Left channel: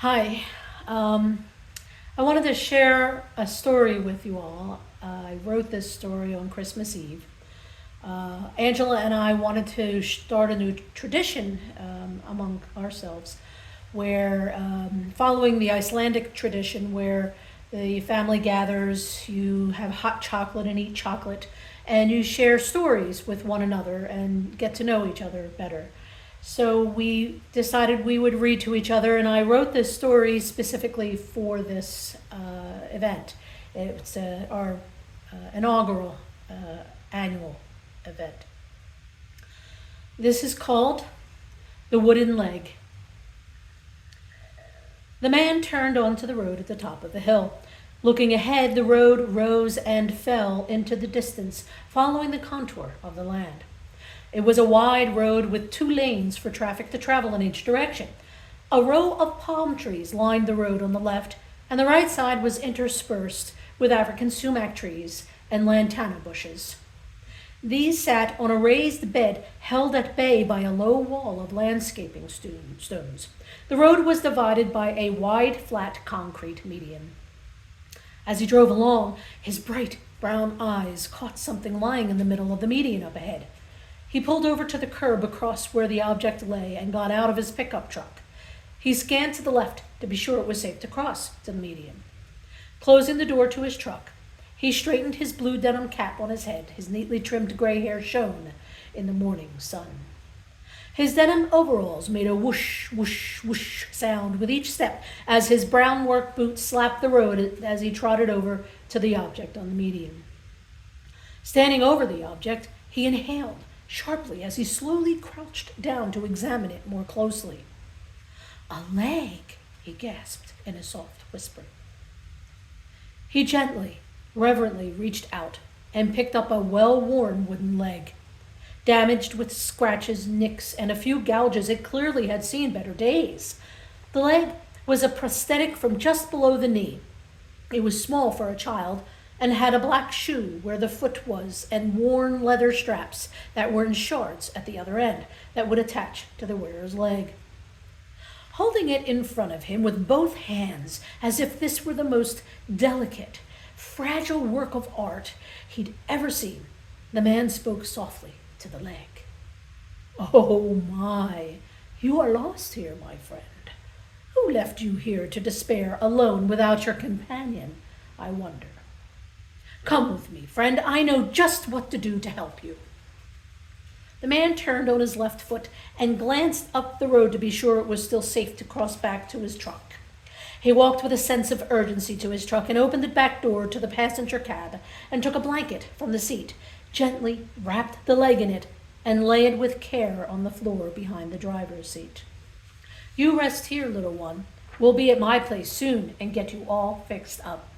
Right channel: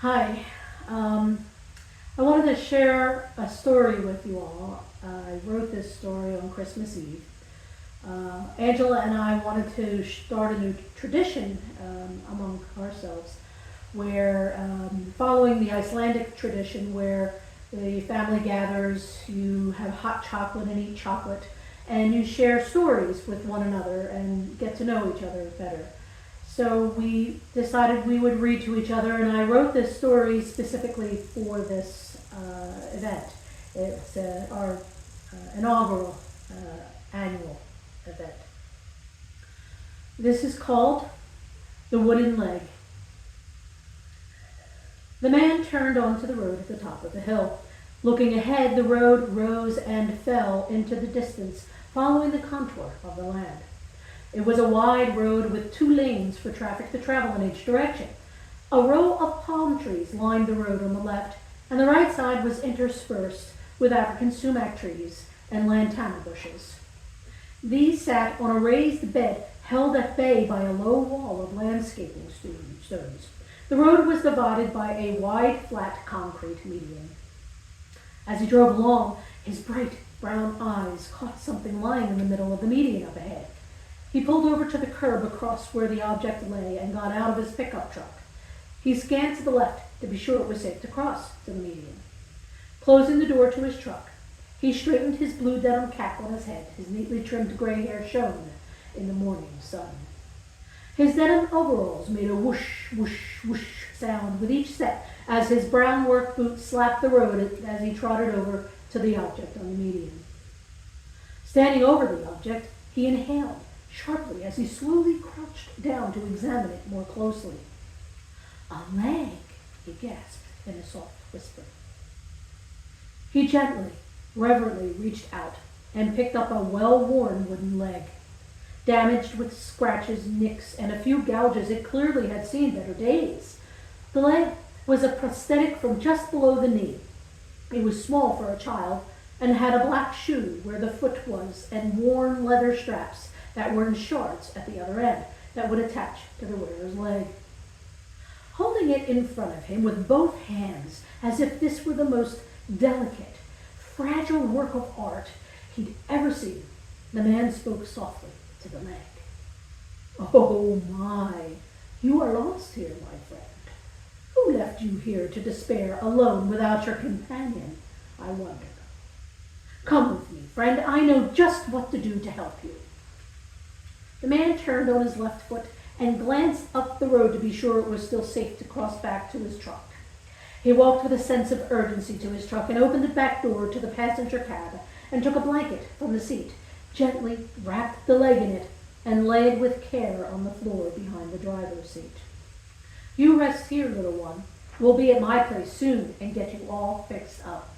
Hi. Um, I wanted to share a story with you all. I wrote this story on Christmas Eve. Angela and I wanted to start a new tradition among ourselves where, following the Icelandic tradition, where the family gathers, you have hot chocolate and eat chocolate, and you share stories with one another and get to know each other better. So we decided we would read to each other, and I wrote this story specifically for this event. It's our inaugural annual event. This is called The Wooden Leg. The man turned onto the road at the top of the hill. Looking ahead, the road rose and fell into the distance, following the contour of the land. It was a wide road with two lanes for traffic to travel in each direction. A row of palm trees lined the road on the left, and the right side was interspersed with African sumac trees and lantana bushes. These sat on a raised bed held at bay by a low wall of landscaping stones. The road was divided by a wide, flat concrete median. As he drove along, his bright brown eyes caught something lying in the middle of the median up ahead. He pulled over to the curb across where the object lay and got out of his pickup truck. He scanned to the left to be sure it was safe to cross to the median. Closing the door to his truck, he straightened his blue denim cap on his head. His neatly trimmed gray hair shone in the morning sun. His denim overalls made a whoosh, whoosh, whoosh sound with each step as his brown work boots slapped the road as he trotted over to the object on the median. Standing over the object, he inhaled sharply as he slowly crouched down to examine it more closely. "A leg," he gasped in a soft whisper. He gently, reverently reached out and picked up a well-worn wooden leg. Damaged with scratches, nicks, and a few gouges, it clearly had seen better days. The leg was a prosthetic from just below the knee. It was small for a child, and had a black shoe where the foot was and worn leather straps that were in shards at the other end that would attach to the wearer's leg. Holding it in front of him with both hands as if this were the most delicate, fragile work of art he'd ever seen, the man spoke softly to the leg. "Oh my, you are lost here, my friend. Who left you here to despair alone without your companion, I wonder? Come with me, friend. I know just what to do to help you." The man turned on his left foot and glanced up the road to be sure it was still safe to cross back to his truck. He walked with a sense of urgency to his truck and opened the back door to the passenger cab and took a blanket from the seat, gently wrapped the leg in it, and lay it with care on the floor behind the driver's seat. "You rest here, little one. We'll be at my place soon and get you all fixed up."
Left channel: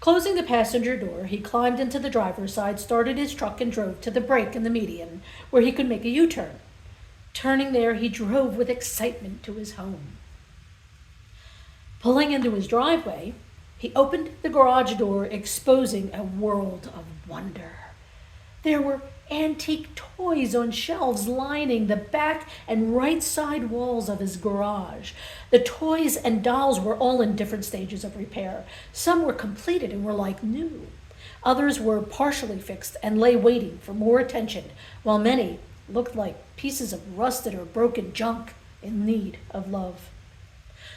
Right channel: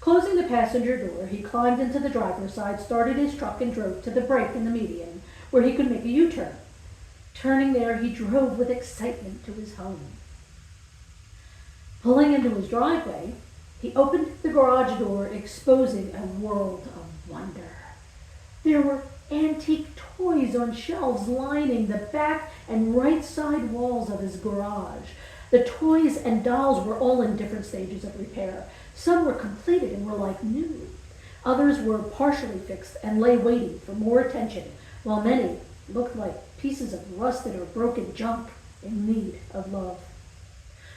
Closing the passenger door, he climbed into the driver's side, started his truck, and drove to the break in the median where he could make a U-turn. Turning there, he drove with excitement to his home. Pulling into his driveway, he opened the garage door, exposing a world of wonder. There were antique toys on shelves lining the back and right side walls of his garage. The toys and dolls were all in different stages of repair. Some were completed and were like new. Others were partially fixed and lay waiting for more attention, while many looked like pieces of rusted or broken junk in need of love.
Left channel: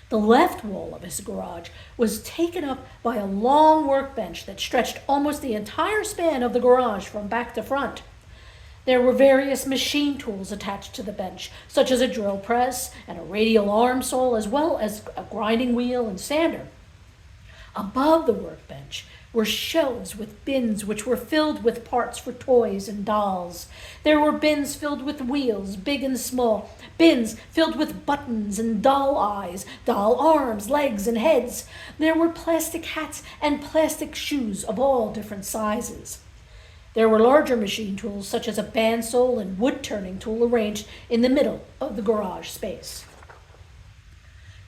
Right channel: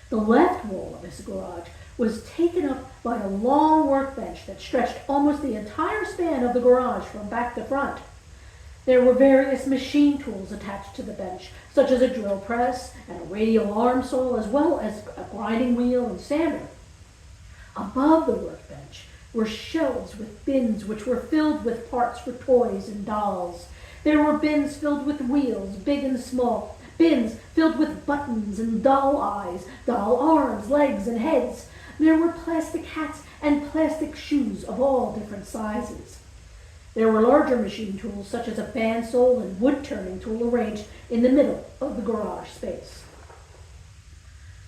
The left wall of his garage was taken up by a long workbench that stretched almost the entire span of the garage from back to front. There were various machine tools attached to the bench, such as a drill press and a radial arm saw, as well as a grinding wheel and sander. Above the workbench were shelves with bins which were filled with parts for toys and dolls. There were bins filled with wheels, big and small, bins filled with buttons and doll eyes, doll arms, legs, and heads. There were plastic hats and plastic shoes of all different sizes. There were larger machine tools such as a bandsaw and wood-turning tool arranged in the middle of the garage space.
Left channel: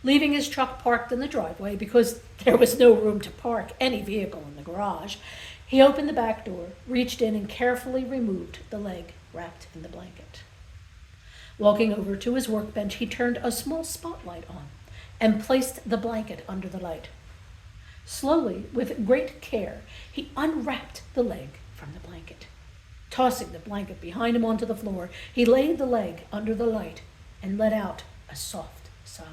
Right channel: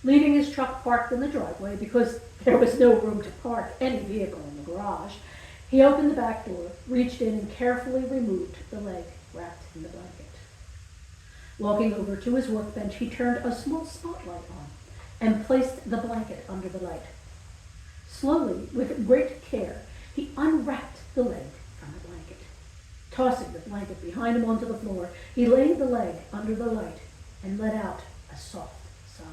Leaving his truck parked in the driveway because there was no room to park any vehicle in the garage, he opened the back door, reached in, and carefully removed the leg wrapped in the blanket. Walking over to his workbench, he turned a small spotlight on and placed the blanket under the light. Slowly, with great care, he unwrapped the leg from the blanket. Tossing the blanket behind him onto the floor, he laid the leg under the light and let out a soft sigh.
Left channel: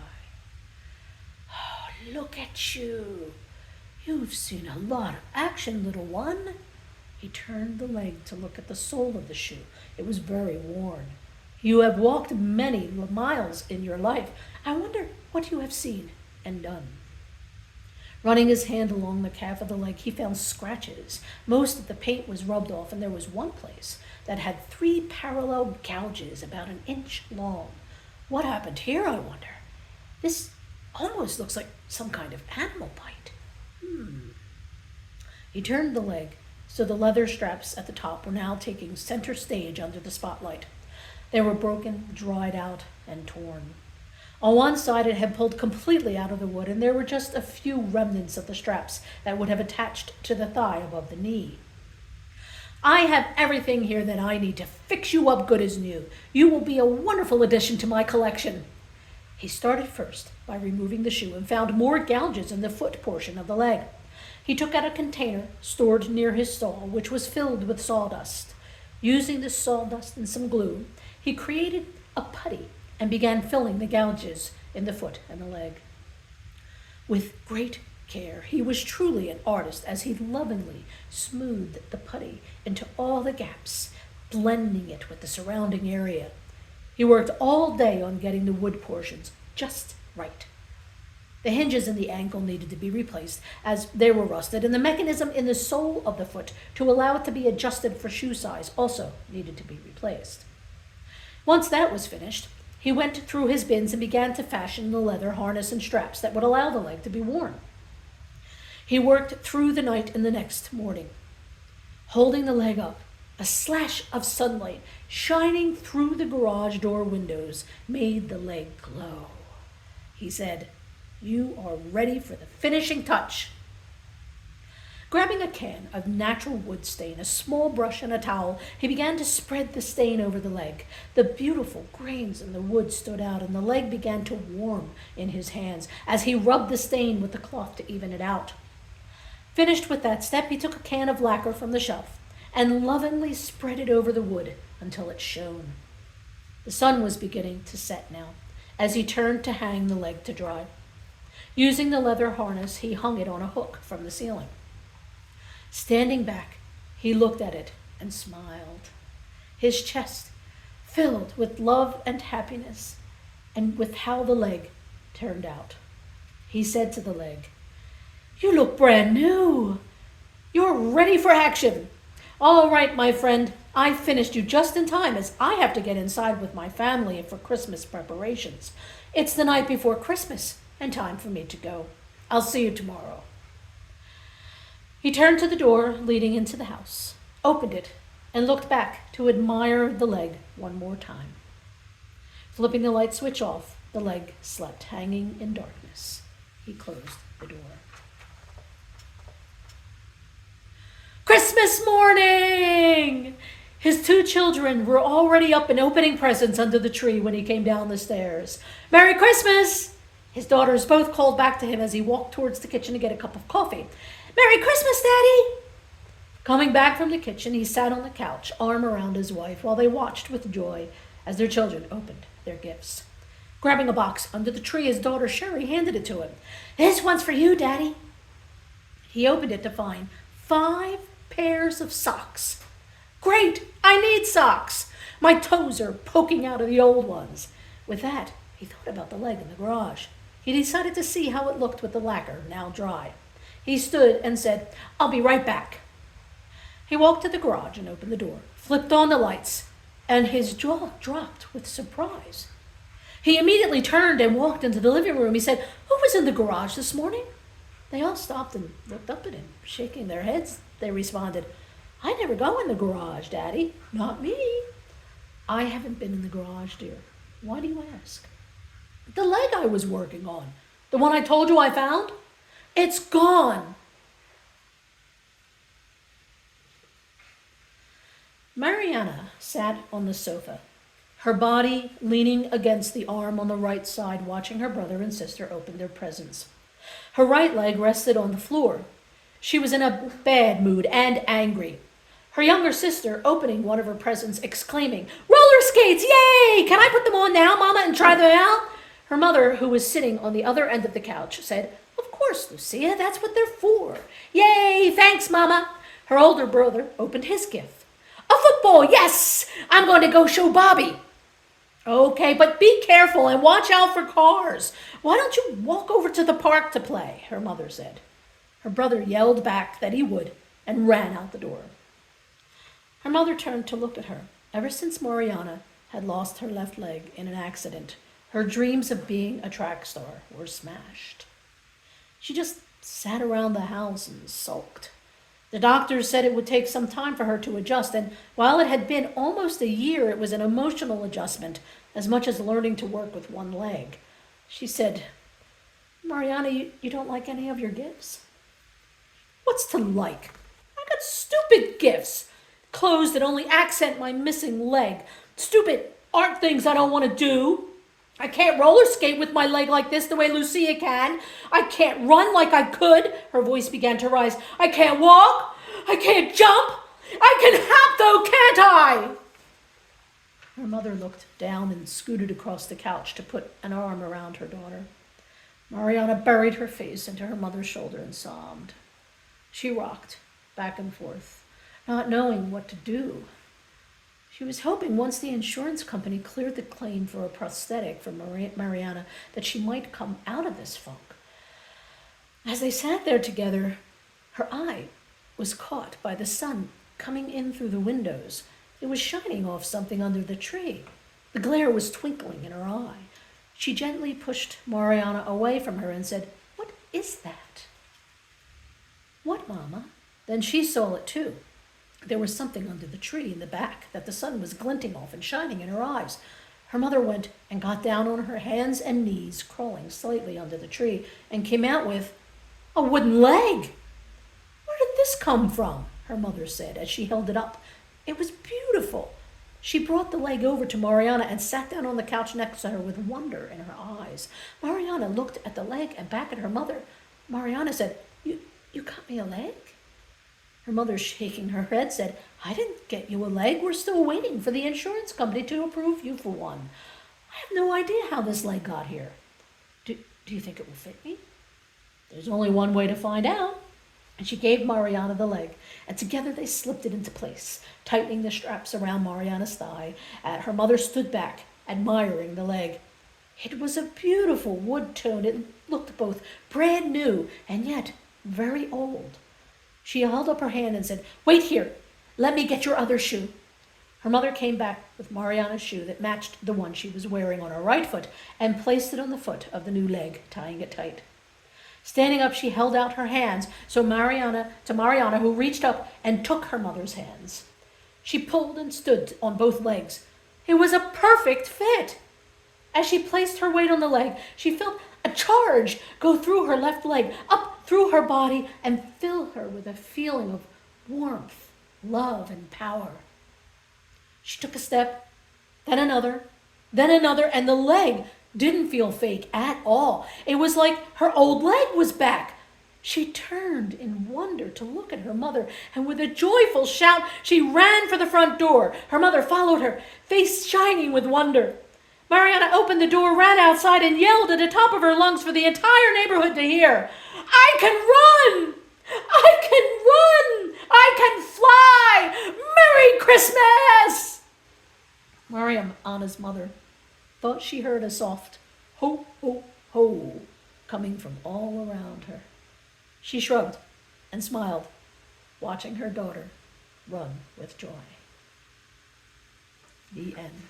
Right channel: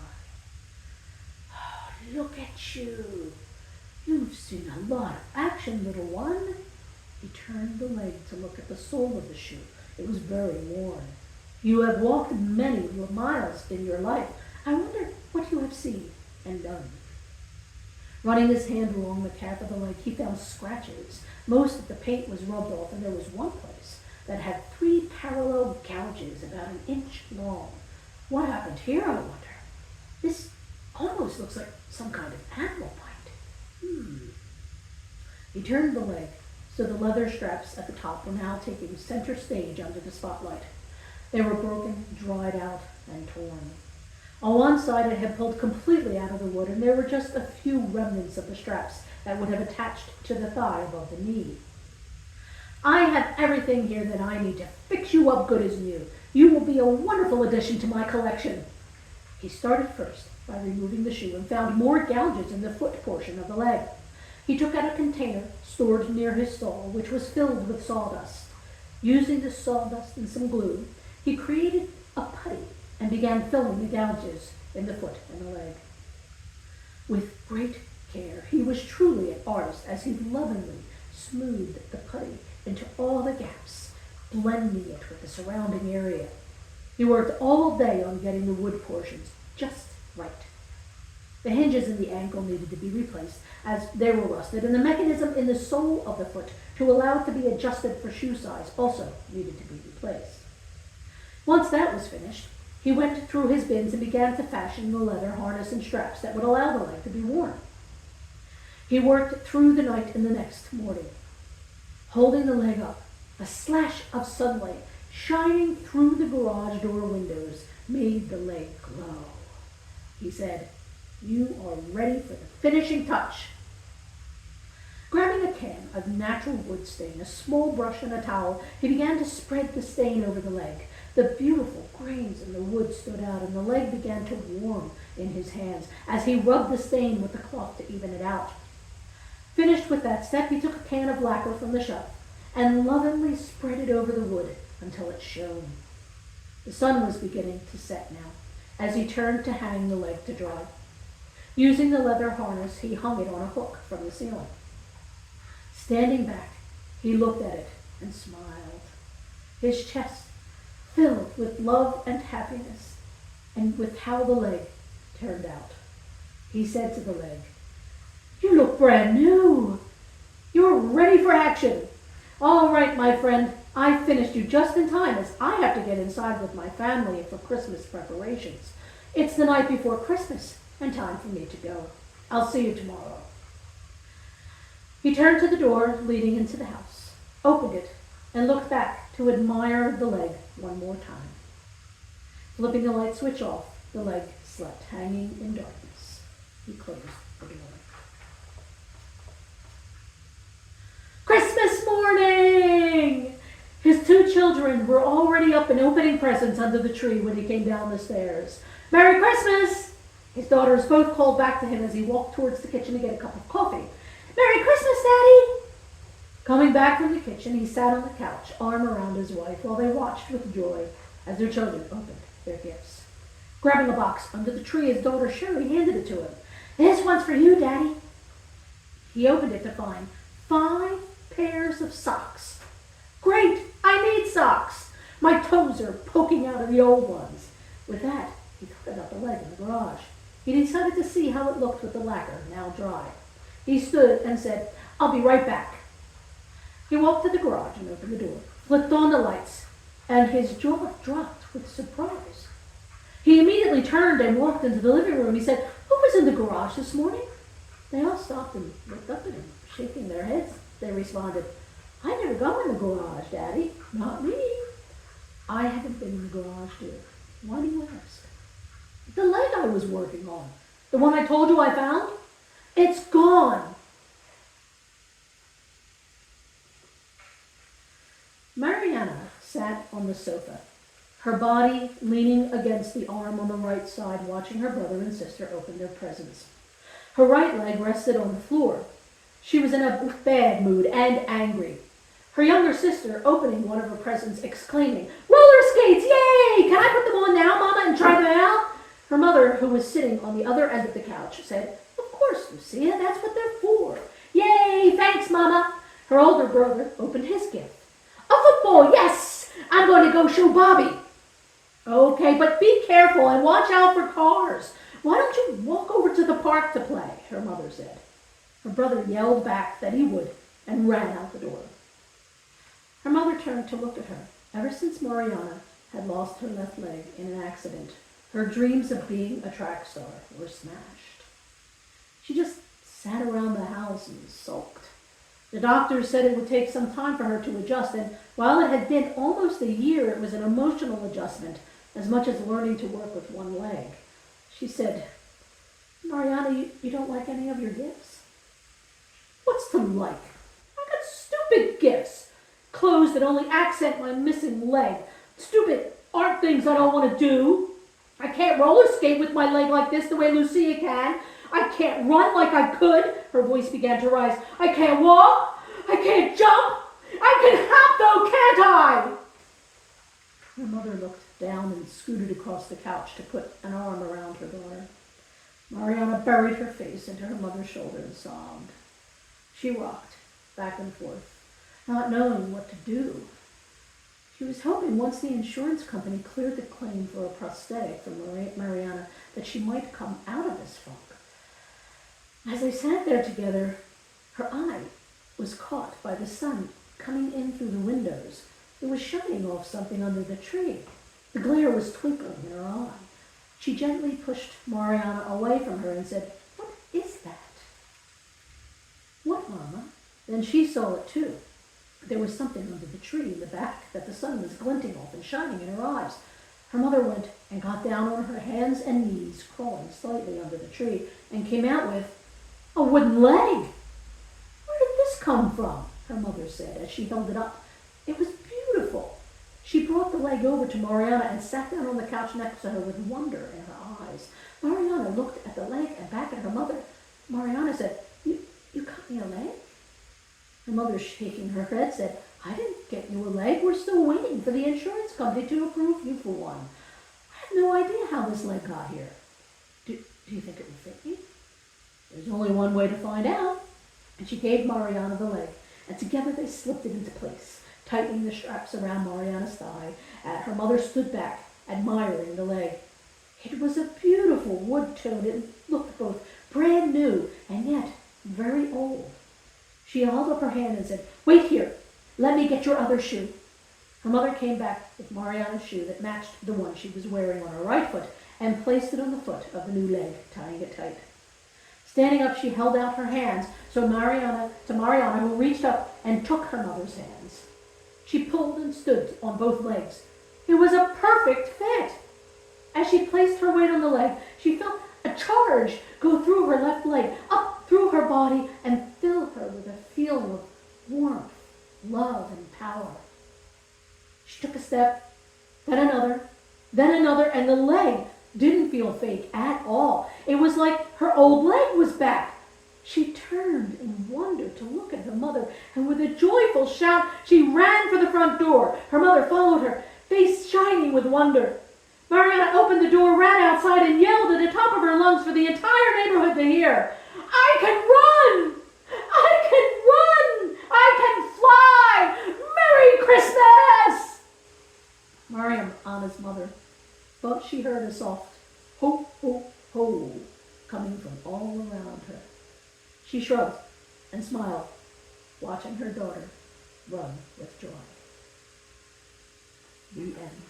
Oh, look at you. You've seen a lot of action, little one. He turned the leg to look at the sole of the shoe. It was very worn. You have walked many miles in your life. I wonder what you have seen and done. Running his hand along the calf of the leg, he found scratches. Most of the paint was rubbed off, and there was one place that had 3 parallel gouges about an inch long. What happened here, I wonder? This almost looks like some kind of animal bite. He turned the leg so the leather straps at the top were now taking center stage under the spotlight. They were broken, dried out, and torn. On one side it had pulled completely out of the wood, and there were just a few remnants of the straps that would have attached to the thigh above the knee. I have everything here that I need to fix you up good as new. You will be a wonderful addition to my collection. He started first by removing the shoe and found more gouges in the foot portion of the leg. He took out a container stored near his stall, which was filled with sawdust. Using the sawdust and some glue, he created a putty and began filling the gouges in the foot and the leg. With great care, he was truly an artist as he lovingly smoothed the putty into all the gaps, blending it with the surrounding area. He worked all day on getting the wood portions just right. The hinges in the ankle needed to be replaced as they were rusted, and the mechanism in the sole of the foot to allow it to be adjusted for shoe size also needed to be replaced. Once that was finished, he went through his bins and began to fashion the leather harness and straps that would allow the leg to be worn. He worked through the night and the next morning. Holding the leg up, a slash of sunlight shining through the garage door windows made the leg glow. He said, "You are ready for the finishing touch." Grabbing a can of natural wood stain, a small brush, and a towel, he began to spread the stain over the leg. The beautiful grains in the wood stood out, and the leg began to warm in his hands as he rubbed the stain with the cloth to even it out. Finished with that step, he took a can of lacquer from the shelf and lovingly spread it over the wood until it shone. The sun was beginning to set now as he turned to hang the leg to dry. Using the leather harness, he hung it on a hook from the ceiling. Standing back, he looked at it and smiled, his chest filled with love and happiness, and with how the leg turned out. He said to the leg, "You look brand new. You're ready for action. All right, my friend, I finished you just in time as I have to get inside with my family for Christmas preparations. It's the night before Christmas and time for me to go. I'll see you tomorrow." He turned to the door leading into the house, opened it, and looked back to admire the leg one more time. Flipping the light switch off, the leg slept hanging in darkness. He closed the door. Christmas morning! His 2 children were already up and opening presents under the tree when he came down the stairs. "Merry Christmas!" His daughters both called back to him as he walked towards the kitchen to get a cup of coffee. "Merry Christmas, Daddy!" Coming back from the kitchen, he sat on the couch, arm around his wife, while they watched with joy as their children opened their gifts. Grabbing a box under the tree, his daughter Sherry handed it to him. "This one's for you, Daddy." He opened it to find 5 pairs of socks. "Great! I need socks. My toes are poking out of the old ones." With that, he thought about the leg in the garage. He decided to see how it looked with the lacquer now dry. He stood and said, "I'll be right back." He walked to the garage and opened the door, flipped on the lights, and his jaw dropped with surprise. He immediately turned and walked into the living room. He said, "Who was in the garage this morning?" They all stopped and looked up at him, shaking their heads. They responded, "I never go in the garage, Daddy." "Not me." "I haven't been in the garage, dear. Why do you ask?" "The leg I was working on, the one I told you I found, it's gone." Mariana sat on the sofa, her body leaning against the arm on the right side, watching her brother and sister open their presents. Her right leg rested on the floor. She was in a bad mood and angry. Her younger sister opening one of her presents, exclaiming, "Roller skates, yay! Can I put them on now, Mama, and try them out?" Her mother, who was sitting on the other end of the couch, said, "Of course, Lucia, that's what they're for." "Yay, thanks, Mama." Her older brother opened his gift. "A football, yes! I'm going to go show Bobby." "Okay, but be careful and watch out for cars. Why don't you walk over to the park to play?" her mother said. Her brother yelled back that he would and ran out the door. Her mother turned to look at her. Ever since Mariana had lost her left leg in an accident, her dreams of being a track star were smashed. She just sat around the house and sulked. The doctors said it would take some time for her to adjust, and while it had been almost a year, it was an emotional adjustment as much as learning to work with one leg. She said, "Mariana, you don't like any of your gifts?" "What's to like? I got stupid gifts. Clothes that only accent my missing leg. Stupid art things I don't want to do. I can't roller skate with my leg like this the way Lucia can. I can't run like I could." Her voice began to rise. "I can't walk. I can't jump. I can hop though, can't I?" Her mother looked down and scooted across the couch to put an arm around her daughter. Mariana buried her face into her mother's shoulder and sobbed. She rocked back and forth, not knowing what to do. She was hoping once the insurance company cleared the claim for a prosthetic for Mariana that she might come out of this funk. As they sat there together, her eye was caught by the sun coming in through the windows. It was shining off something under the tree. The glare was twinkling in her eye. She gently pushed Mariana away from her and said, "What is that?" "What, Mama?" Then she saw it too. There was something under the tree in the back that the sun was glinting off and shining in her eyes. Her mother went and got down on her hands and knees, crawling slightly under the tree, and came out with a wooden leg. "Where did this come from?" her mother said as she held it up. It was beautiful. She brought the leg over to Mariana and sat down on the couch next to her with wonder in her eyes. Mariana looked at the leg and back at her mother. Mariana said, You got me a leg?" Her mother, shaking her head, said, "I didn't get you a leg. We're still waiting for the insurance company to approve you for one. I have no idea how this leg got here. Do you think it will fit me?" "There's only one way to find out." And she gave Mariana the leg, and together they slipped it into place, tightening the straps around Mariana's thigh. Her mother stood back, admiring the leg. It was a beautiful wood tone. It looked both brand new and yet very old. She held up her hand and said, "Wait here. Let me get your other shoe." Her mother came back with Mariana's shoe that matched the one she was wearing on her right foot and placed it on the foot of the new leg, tying it tight. Standing up, she held out her hands to Mariana, who reached up and took her mother's hands. She pulled and stood on both legs. It was a perfect fit. As she placed her weight on the leg, she felt a charge go through her left leg, up through her body, and fill her with a feeling of warmth, love, and power. She took a step, then another, and the leg didn't feel fake at all. It was like her old leg was back. She turned in wonder to look at her mother, and with a joyful shout, she ran for the front door. Her mother followed her, face shining with wonder. Mariana opened the door, ran outside, and yelled at the top of her lungs for the entire neighborhood to hear. "I can run! I can run! I can fly! Merry Christmas!" Mariana's mother thought she heard a soft ho, ho, ho coming from all around her. She shrugged and smiled, watching her daughter run with joy. The end.